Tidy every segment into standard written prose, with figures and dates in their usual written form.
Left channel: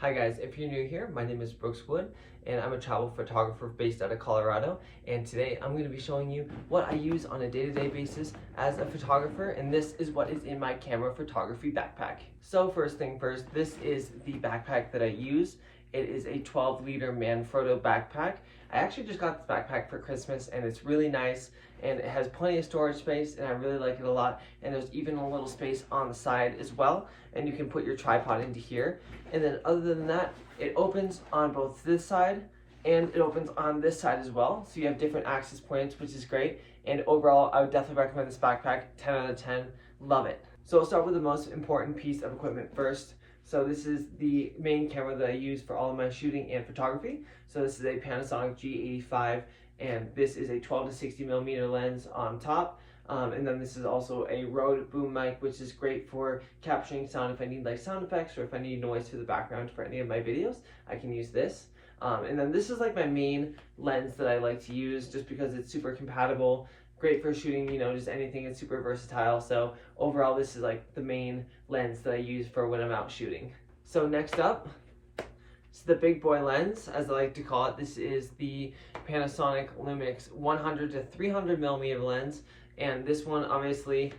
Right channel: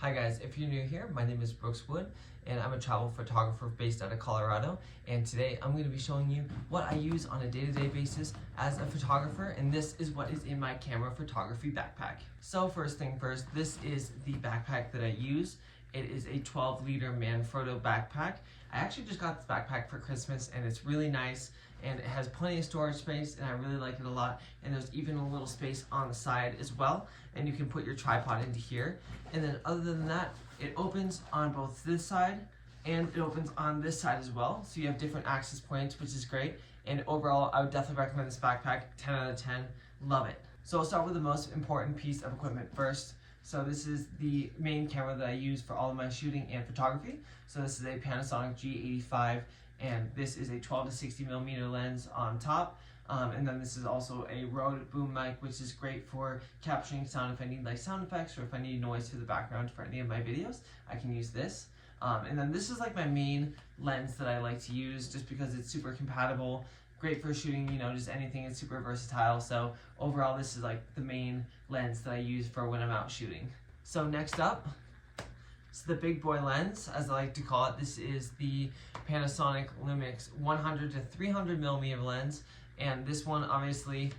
Hi guys, if you're new here, my name is Brooks Wood and I'm a travel photographer based out of Colorado, and today I'm going to be showing you what I use on a day-to-day basis as a photographer, and this is what is in my camera photography backpack. So first thing first, this is the backpack that I use. It is a 12-liter Manfrotto backpack. I actually just got this backpack for Christmas and it's really nice and it has plenty of storage space and I really like it a lot, and there's even a little space on the side as well, and you can put your tripod into here. And then other than that, it opens on both this side and it opens on this side as well, so you have different access points, which is great. And overall, I would definitely recommend this backpack. 10 out of 10, love it. So I'll start with the most important piece of equipment first. So this is the main camera that I use for all of my shooting and photography. So this is a Panasonic G85, and this is a 12 to 60 millimeter lens on top. And then this is also a Rode boom mic, which is great for capturing sound if I need like sound effects or if I need noise to the background for any of my videos, I can use this. And then this is like my main lens that I like to use just because it's super compatible, great for shooting, you know, just anything. It's super versatile. So overall, this is like the main lens that I use for when I'm out shooting. So next up, it's the big boy lens, as I like to call it. This is the Panasonic Lumix 100 to 300 millimeter lens. And this one obviously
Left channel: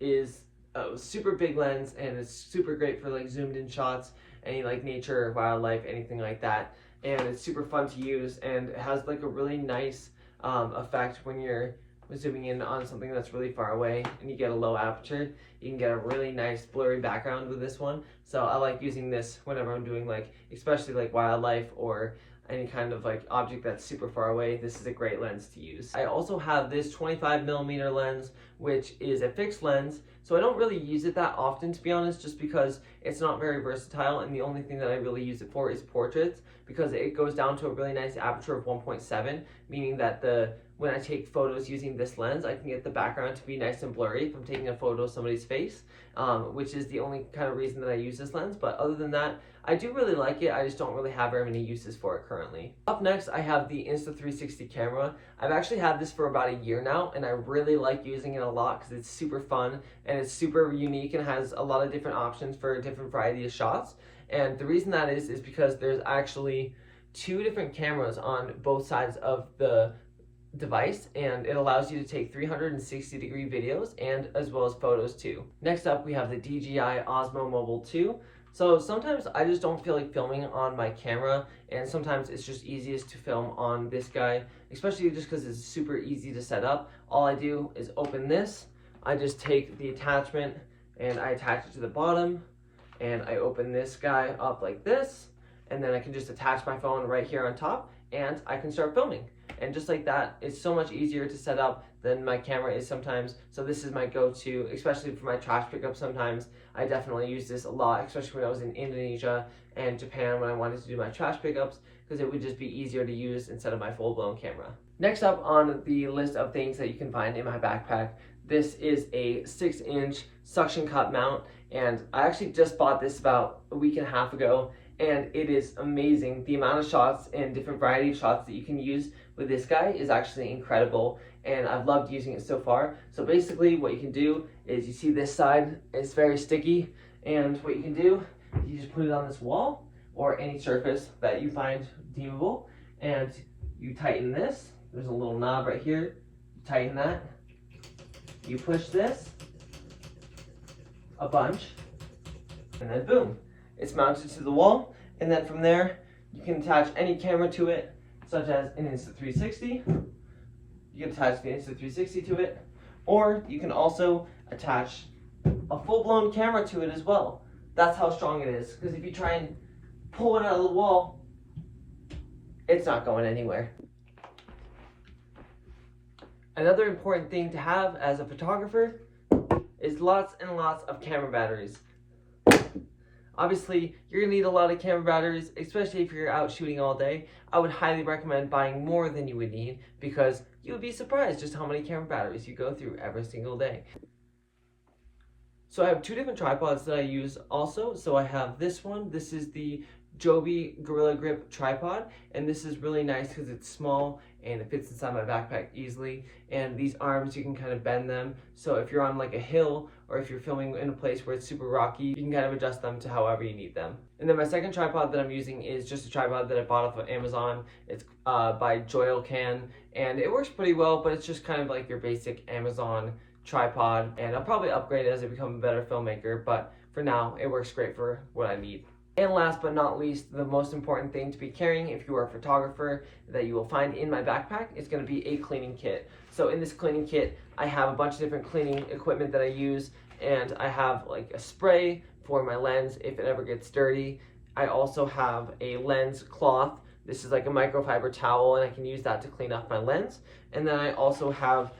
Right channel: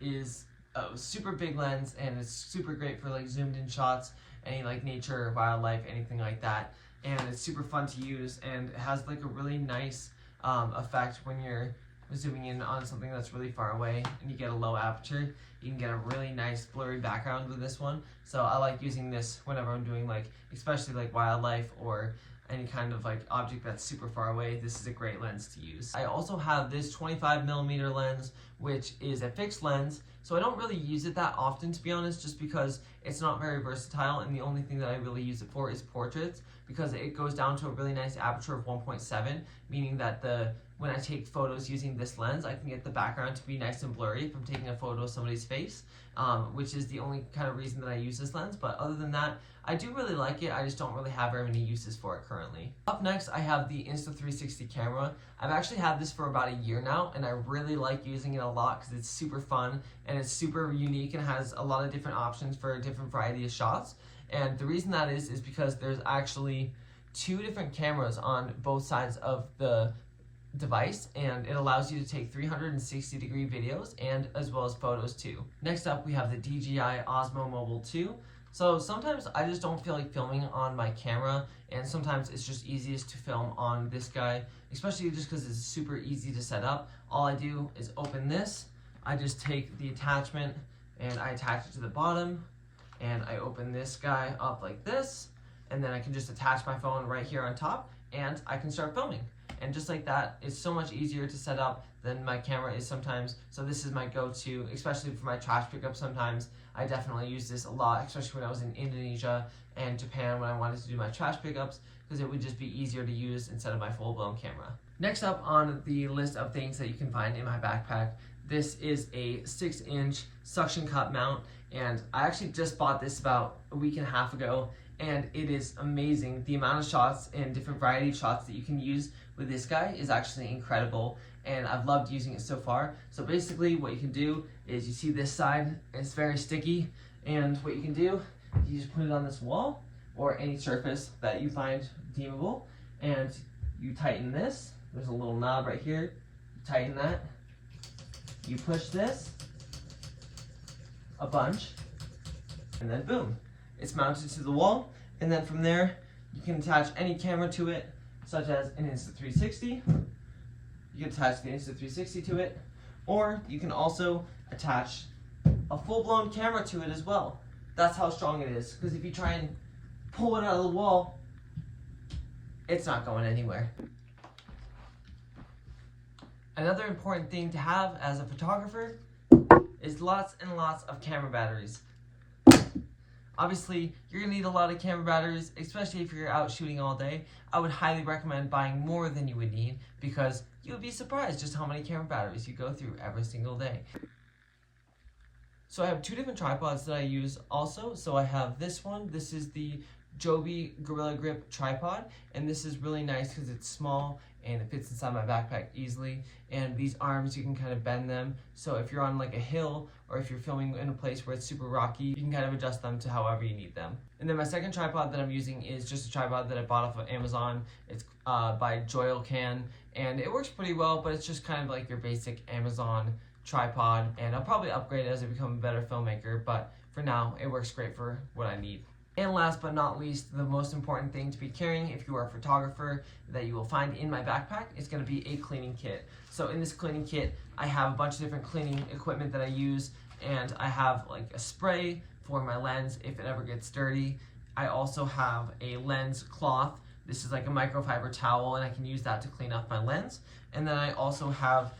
is a super big lens and it's super great for like zoomed in shots, any like nature or wildlife, anything like that. And it's super fun to use and it has like a really nice effect when you're zooming in on something that's really far away and you get a low aperture. You can get a really nice blurry background with this one. So I like using this whenever I'm doing like, especially like wildlife or any kind of like object that's super far away. This is a great lens to use. I also have this 25 millimeter lens, which is a fixed lens. So I don't really use it that often, to be honest, just because it's not very versatile, and the only thing that I really use it for is portraits, because it goes down to a really nice aperture of 1.7, meaning that when I take photos using this lens, I can get the background to be nice and blurry if I'm taking a photo of somebody's face, which is the only kind of reason that I use this lens. But other than that, I do really like it. I just don't really have very many uses for it currently. Up next, I have the Insta360 camera. I've actually had this for about a year now, and I really like using it a lot because it's super fun and it's super unique and has a lot of different options for a different variety of shots. And the reason that is because there's actually two different cameras on both sides of the device, and it allows you to take 360-degree videos and as well as photos too. Next up, we have the DJI Osmo Mobile 2. So sometimes I just don't feel like filming on my camera, and sometimes it's just easiest to film on this guy, especially just because it's super easy to set up. All I do is open this, I just take the attachment and I attach it to the bottom, and I open this guy up like this, and then I can just attach my phone right here on top and I can start filming. And just like that, it's so much easier to set up than my camera is sometimes. So this is my go-to, especially for my trash pickup sometimes. I definitely use this a lot, especially when I was in Indonesia and Japan when I wanted to do my trash pickups, because it would just be easier to use instead of my full-blown camera. Next up on the list of things that you can find in my backpack, this is a 6-inch suction cup mount, and I actually just bought this about a week and a half ago, and it is amazing. The amount of shots and different variety of shots that you can use with this guy is actually incredible, and I've loved using it so far. So basically what you can do is, you see this side, it's very sticky, and what you can do, you just put it on this wall or any surface that you find deemable, and you tighten this. There's a little knob right here, you tighten that, you push this a bunch, and then boom, it's mounted to the wall. And then from there, you can attach any camera to it, such as an Insta360. You can attach the Insta360 to it, or you can also attach a full-blown camera to it as well. That's how strong it is, because if you try and pull it out of the wall, it's not going anywhere. Another important thing to have as a photographer is lots and lots of camera batteries. Obviously, you're gonna need a lot of camera batteries, especially if you're out shooting all day. I would highly recommend buying more than you would need, because you would be surprised just how many camera batteries you go through every single day. So I have two different tripods that I use also. So I have this one. This is the Joby Gorilla Grip tripod, and this is really nice because it's small and it fits inside my backpack easily. And these arms, you can kind of bend them, so if you're on like a hill or if you're filming in a place where it's super rocky, you can kind of adjust them to however you need them. And then my second tripod that I'm using is just a tripod that I bought off of Amazon. It's by Joylcan, and it works pretty well, but it's just kind of like your basic Amazon tripod, and I'll probably upgrade it as I become a better filmmaker, but for now it works great for what I need. And last but not least, the most important thing to be carrying if you are a photographer that you will find in my backpack is going to be a cleaning kit. So in this cleaning kit, I have a bunch of different cleaning equipment that I use, and I have like a spray for my lens if it ever gets dirty. I also have a lens cloth. This is like a microfiber towel, and I can use that to clean off my lens. And then I also have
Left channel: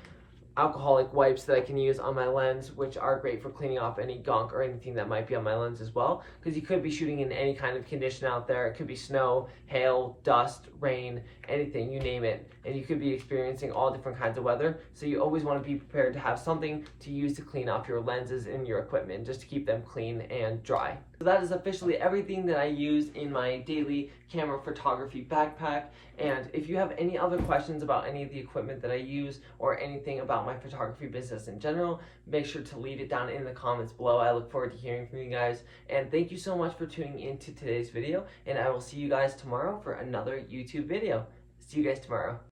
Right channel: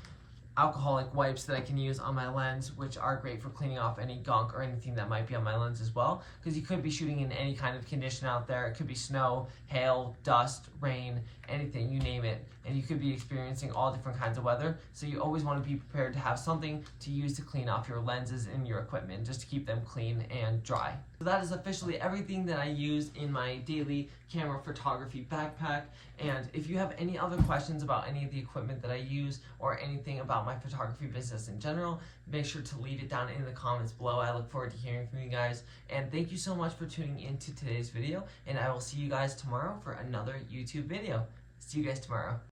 alcoholic wipes that I can use on my lens, which are great for cleaning off any gunk or anything that might be on my lens as well, because you could be shooting in any kind of condition out there. It could be snow, hail, dust, rain, anything, you name it, and you could be experiencing all different kinds of weather, so you always want to be prepared to have something to use to clean off your lenses and your equipment, just to keep them clean and dry. So that is officially everything that I use in my daily camera photography backpack, and if you have any other questions about any of the equipment that I use or anything about my photography business in general, make sure to leave it down in the comments below. I look forward to hearing from you guys, and thank you so much for tuning into today's video, and I will see you guys tomorrow for another YouTube video. See you guys tomorrow.